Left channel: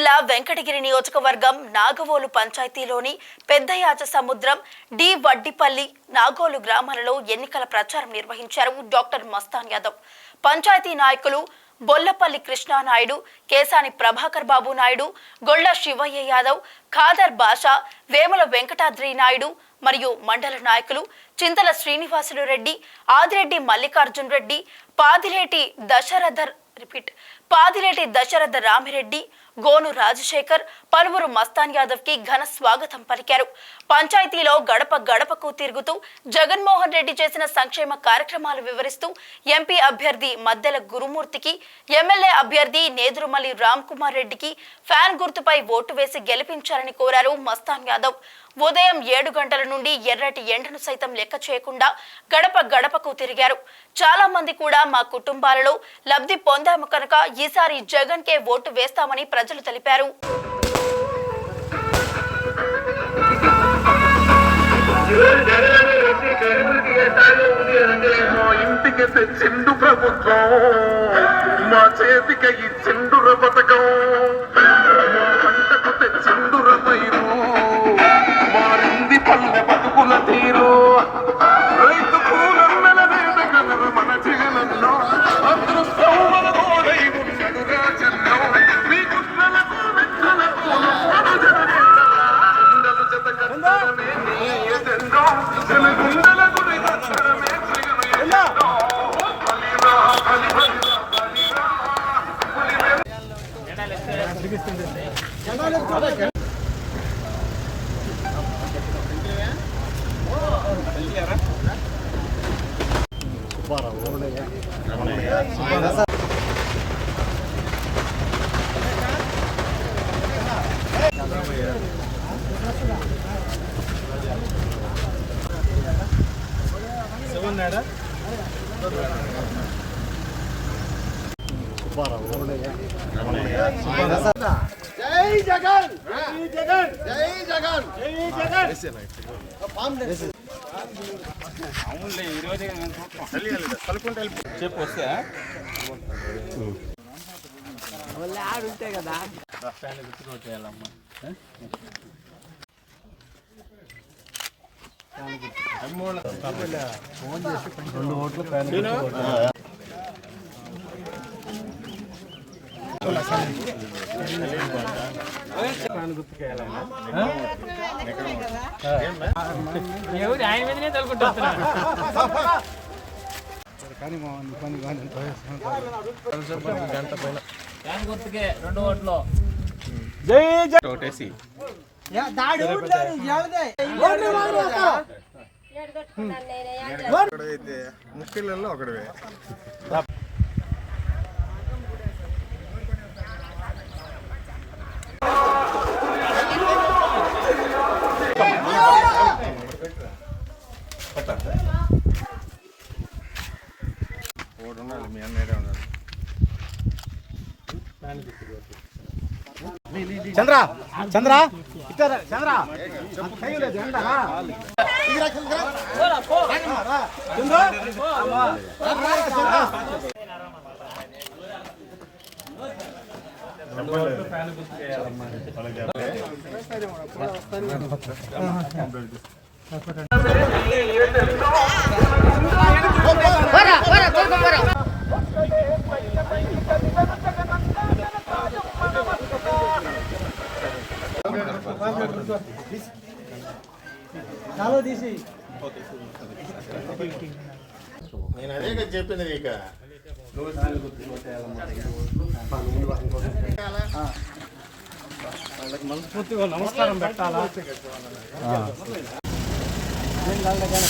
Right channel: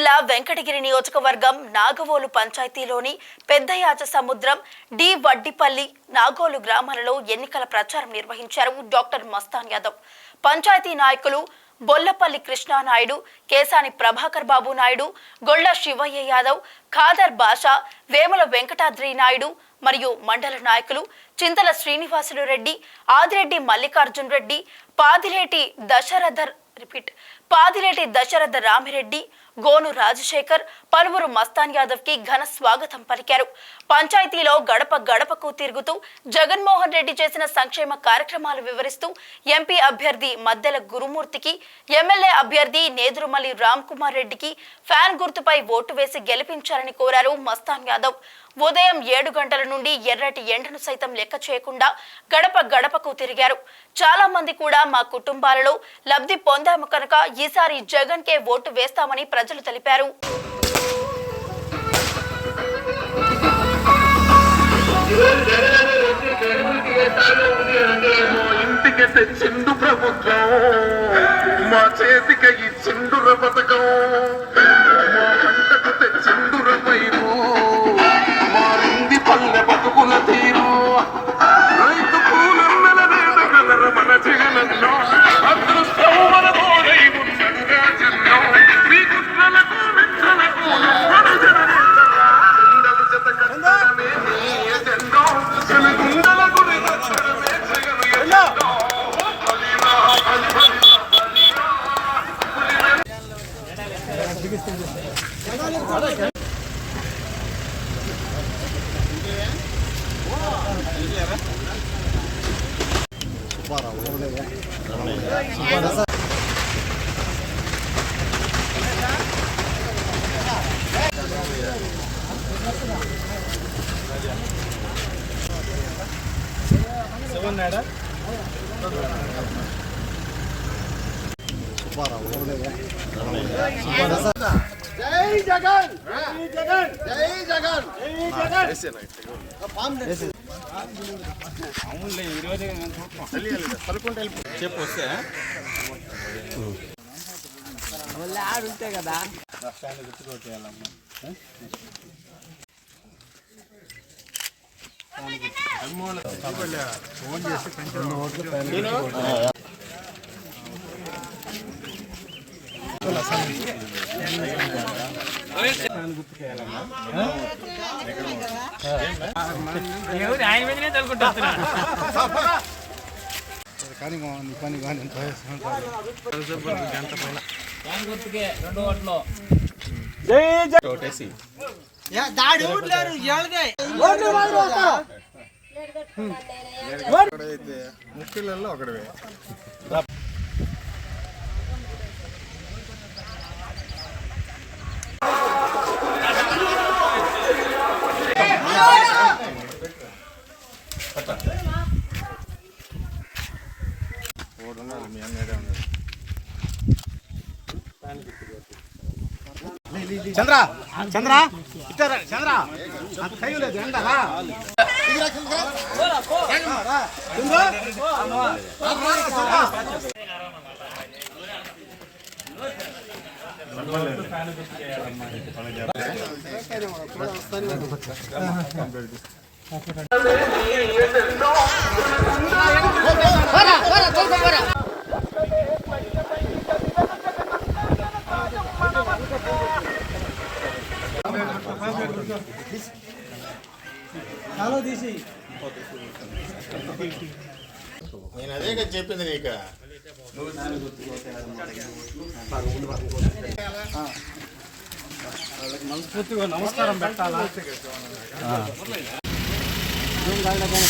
జిల్లా వెంకటగిరి నియోజకవర్గం నాగవోలు పంచాయతీలోని పెద్దయాచ సముద్రం డి వడ్డిపల్లి నాగోలు గ్రామాలలో ఎన్నికల ప్రచారం నిర్వహించారు డాక్టర్ మస్తాన్ యాదవ్. పంచాయతీ నాయకులు బొల్లపల్లి కృష్ణానాయుడు, కేసాని ప్రభాకర్ బాబు నాయుడు, గొల్ల శివయ్య యాదవ్, ఖాదర్ బాషా, వేముల వెంకటాద్రి నాయుడు మరియు మండల నాయకులు చింతల శ్రీనివాసులు రెడ్డి, ఆదిరెడ్డి మల్లికార్జున్ రెడ్డి, పాదిలేటి దశరథ రామిరెడ్డి, గోను రాజశేఖర్ పలువురు మస్తాన్ యాదవ్ కి ఘన స్వాగతం పలికారు. పంచాయతీలో గడప గడపకు తిరుగుతూ జగన్మోహన్ రెడ్డి చేసిన సంక్షేమ కార్యక్రమాలు వివరిస్తూ ఎంపీ అభ్యర్థి మద్దెల గురుమూర్తికి, ఎమ్మెల్యే అభ్యర్థి నేదురుమల్లి రామ్ కుమార్ రెడ్డికి ఫ్యాన్ గుర్తుపై ఓటు వేసి గెలిపించాలని కోరారు మస్తాన్ యాదవ్. ఉదయం 7 గంటల నుండి ఎర్రటి ఎండను సైతం లెక్క చేయకుండా గడప గడపకు తిరిగారు. చాలా మంది కూడా మా కుటుంబాలలో లబ్ధి పొందాము కనుక ఈసారి జగన్ కే ఓటు వేస్తామని ప్రజలు తెలిపారు. ఇంటికి తెచ్చిండు ప్రభుత్వం, మా చేతికి ఇచ్చిండుర పథకం, మా పంటకు తెచ్చిండుర పైరు, మారింది పల్లె బతుకుల తీరు. రైతు పూలన్నల రేదగదర మన జీవనంలో అదృష్టం మన తోడై ఉన్నడు రాజన్నో. శ్రీకృష్ణులకు వెంకలకు గుండెలు జత కట్టడమే నీ ఎజెండో. గుండెల గురి కట్టడమే సిగను బలిరా బలిరా జై జగన్, జై జగన్, జై జగన్, జై జగన్. అవునులే ఈరోజు కలుపుకుంటే చెప్పు వస్తే ఆడుంటాయి కదా గుర్తుకోట్ చేయాలమ్మా. ఫోన్ చేసి కొంచెం ఓట్లు ఆయన మీదనే తలుకుంటున్నా. గుర్తుకే 2 ఓట్లు. ముఖ్యులలో ఒకటివే. మీ అన్నడే ఉన్నాడు. చంద్ర చంద్ర ఇట్టారా చంద్ర లేదు ఎండరా నేను అదే కదా చెప్పింది నీకు. వాళ్ళకి మనస్ఫూర్తిగా నమస్కారం పెట్టాలా? ఏం కాదు కానీ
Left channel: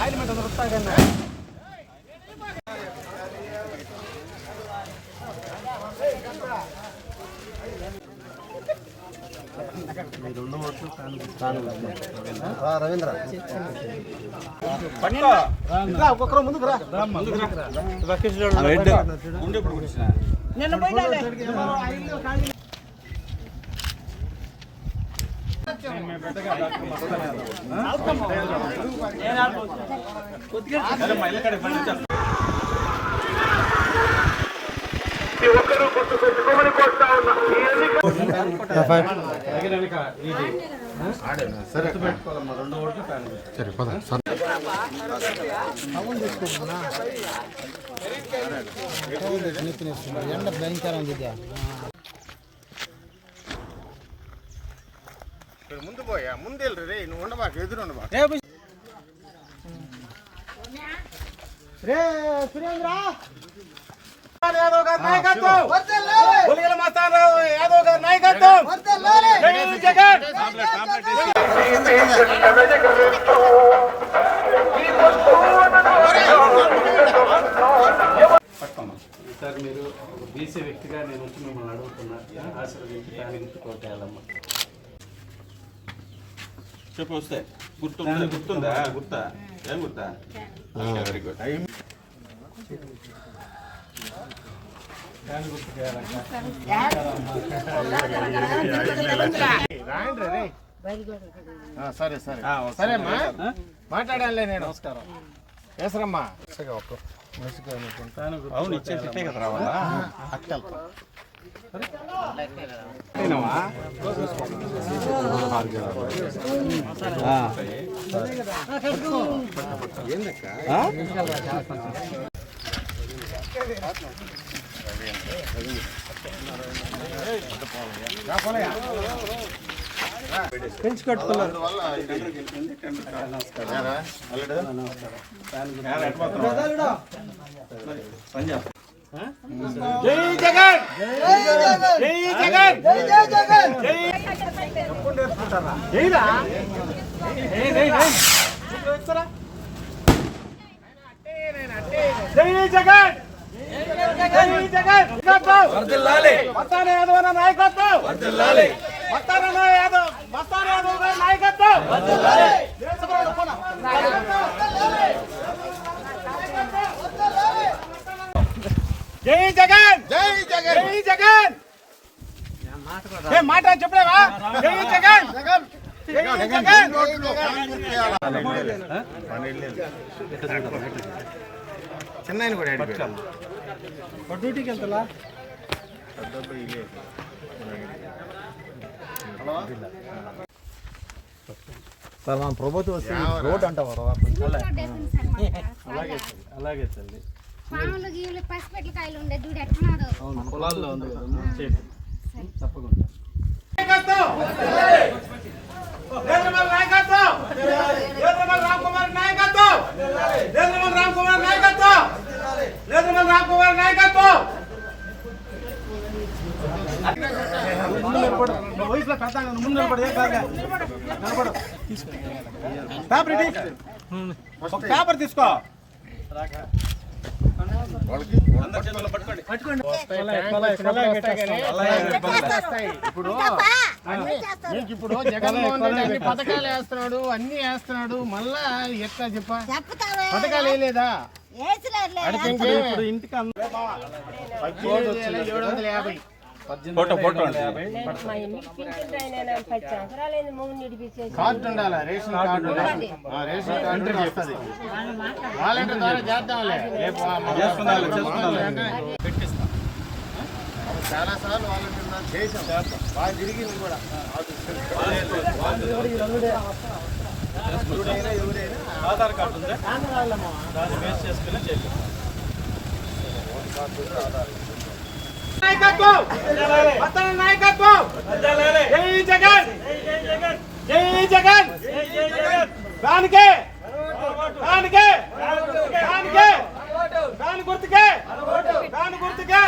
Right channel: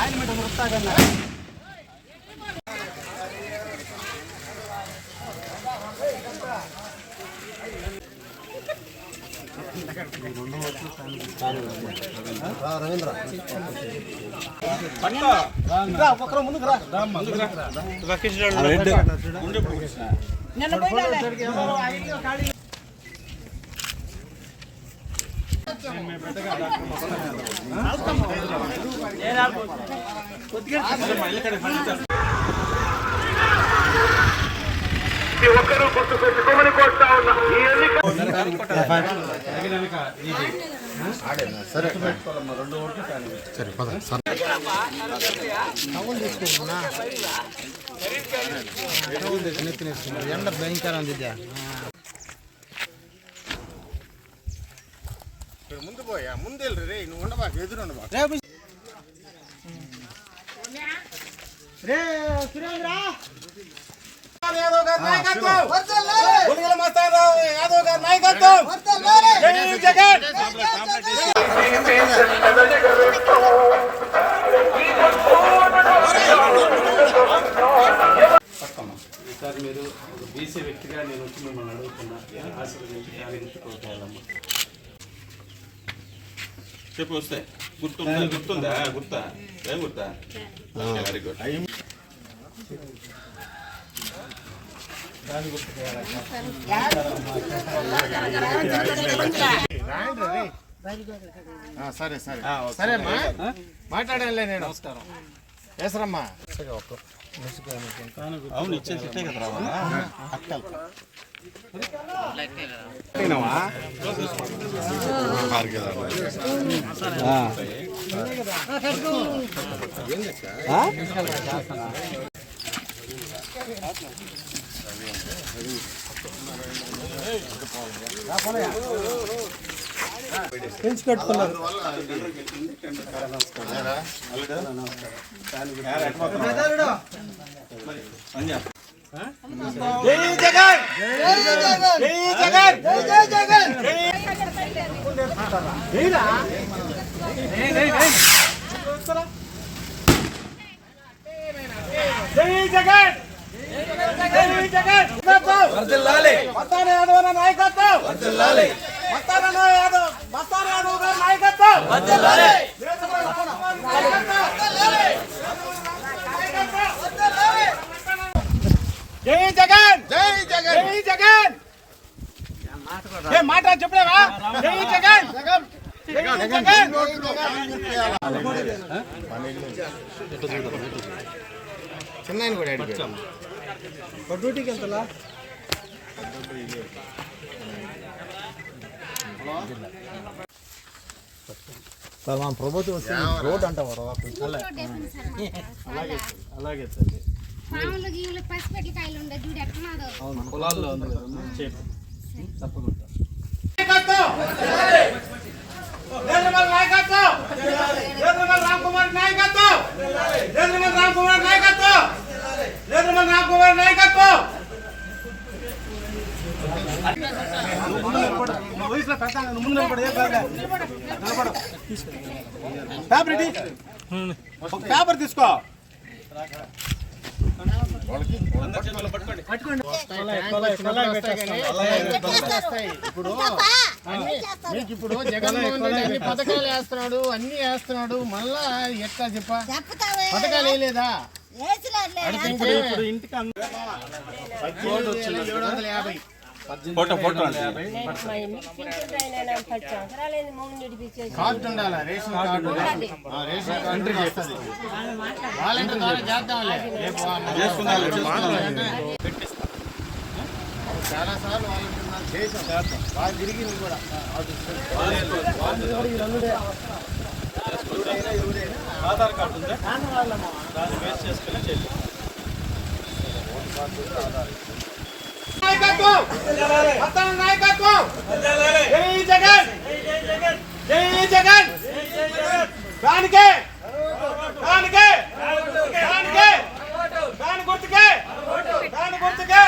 ఆయన మీద వస్తా కన్నా రవీంద్ర ఒక్కొక్కరు ముందుకు రా. ప్రతి ఒక్కరూ గుర్తుకొచ్చుకోమని కోరుతా ఉన్నా. ఈ ఎన్నిక ఎండ భయంకరం ఉంది. ముందు పోయా ముందు వెళ్ళి నువ్వు ఉండబాకు ఎదురు ఉండబాకు రే సురేంద్ర యాదవ్ గారి నాయకత్వం పులిగల మస్తానరావు యాదవ్ గారి నాయకత్వం జై జగన్ ఈసారి మీరు ఒక బీసీ వ్యక్తిగా నేను వచ్చి మిమ్మల్ని అడుగుతున్నా ఆశీర్వదించి దాని గుర్తు కోరుకోవాలమ్మా. చెప్పు వస్తే గుర్తుందా గుర్తా ఏం గుర్తా వెరీ గుడ్ సరే సరే సరేమ్మా మాట్లాడానులే నేను. నమస్కారం వేసరమ్మా అవును ఇచ్చే చెప్పే కదా రావాలా జై జగన్ జై జగన్ జై జగన్ జైరా జై జగన్ జై జగన్ వర్ధిల్లాలి మస్తాన్ యాదవ్ నాయకత్వం వర్ధిల్లాలి మస్తాన్ యాదవ్ గారి నాయకత్వం వర్ధిల్లాలి జై జగన్ జై జగన్ జై జగన్ ఏ మాట చెప్పలేవా జై జగన్ జై జగన్ చెన్నైని కూడా డ్యూటీకి వెళ్తా సార్ మా ప్రభుత్వం వస్తే రోడ్ అంటావారు అలాగే తల్లి పాములు గీములు పసిపెట్ల కాయలు ఉండే చూడు ఎట్టున్నాడు. అవును పొలాల్లో ఉంది కదా చెప్పు తప్పకుండా. రామ్ కుమార్ నాయకత్వం నాయకత్వం పేపర్ తీసుకో ఇప్పుడు ఇప్పుడు జగన్మోహన్ రెడ్డి అన్ని పథకాలు వేస్తున్నాడు అన్ని వేస్తున్నాడు మళ్ళా ఎట్లా చెప్పా పథకాలు వేయలేదా ఇంటికి 1750 ఫోటో అంటే కార్డు ఉండాలి రేషన్ కార్డు రేషన్ కార్డు వస్తుంది వాలంటీర్ ద్వారా చేద్దాంలే పెట్టిస్తాం చాలా సార్లు వాలంటీర్ ద్వారా చేసాం బాగా తిరిగింది కూడా ఆధార్ కార్డు ఉందా దాన్ని బేస్ చేసుకుని చేస్తాం. నాయకత్వం మతాల నాయకత్వం జై జగన్ జై జగన్ దానికే దానికే దానికే దాని గుర్తుకే దాని గుర్తుకే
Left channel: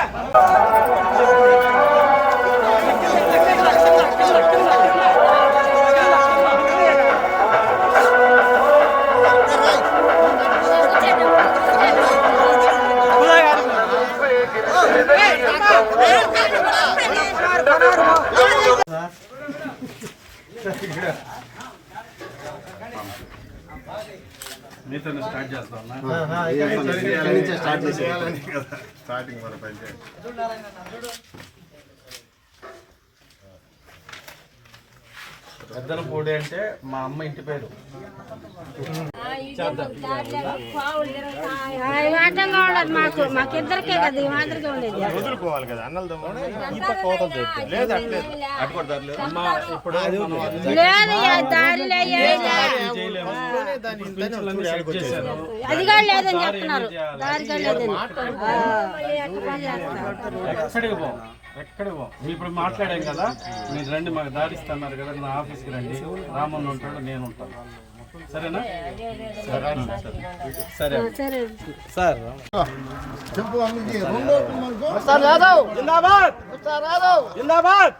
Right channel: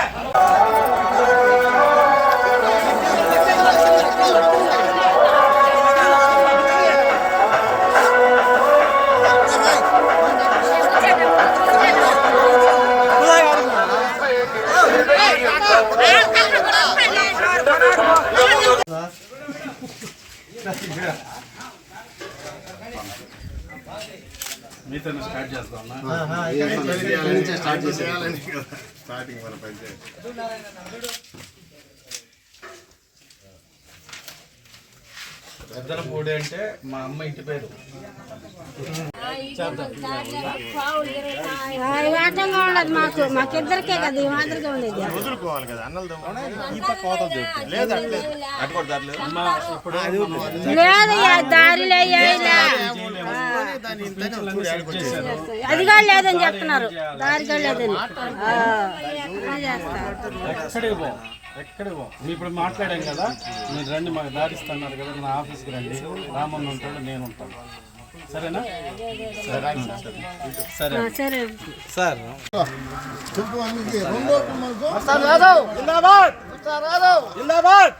మీతో స్టార్ట్ చేస్తాం స్టార్టింగ్ మన పంచాయతీ పెద్దలపూడి అంటే మా అమ్మ ఇంటి పేరు. ఆటంగా ఉండదు మాకు, మాకిద్దరికే కదా ఈ మాదిరిగా ఉండేది. వదులుకోవాలి కదా అన్నలు ఈ పక్క కోతలు చెప్తారు లేదా అమ్మ ఇప్పుడు మనం అన్ని లేదు దారిలో చేయలేము. పింఛన్లన్నీ సెట్ చేశారు. అది కూడా లేదని చెప్తున్నారు, దారి కూడా లేదని. ఎక్కడికి పోం. మీ ఇప్పుడు మాట్లాడాం కదా, మీరు రండి మాకు దారిస్తున్నారు కదా, నా ఆఫీస్కి రండి, రామన్న ఉంటాడు, నేను ఉంటాను. సరేనా? సరే సార్. జిందాబాద్ జిందాబాద్.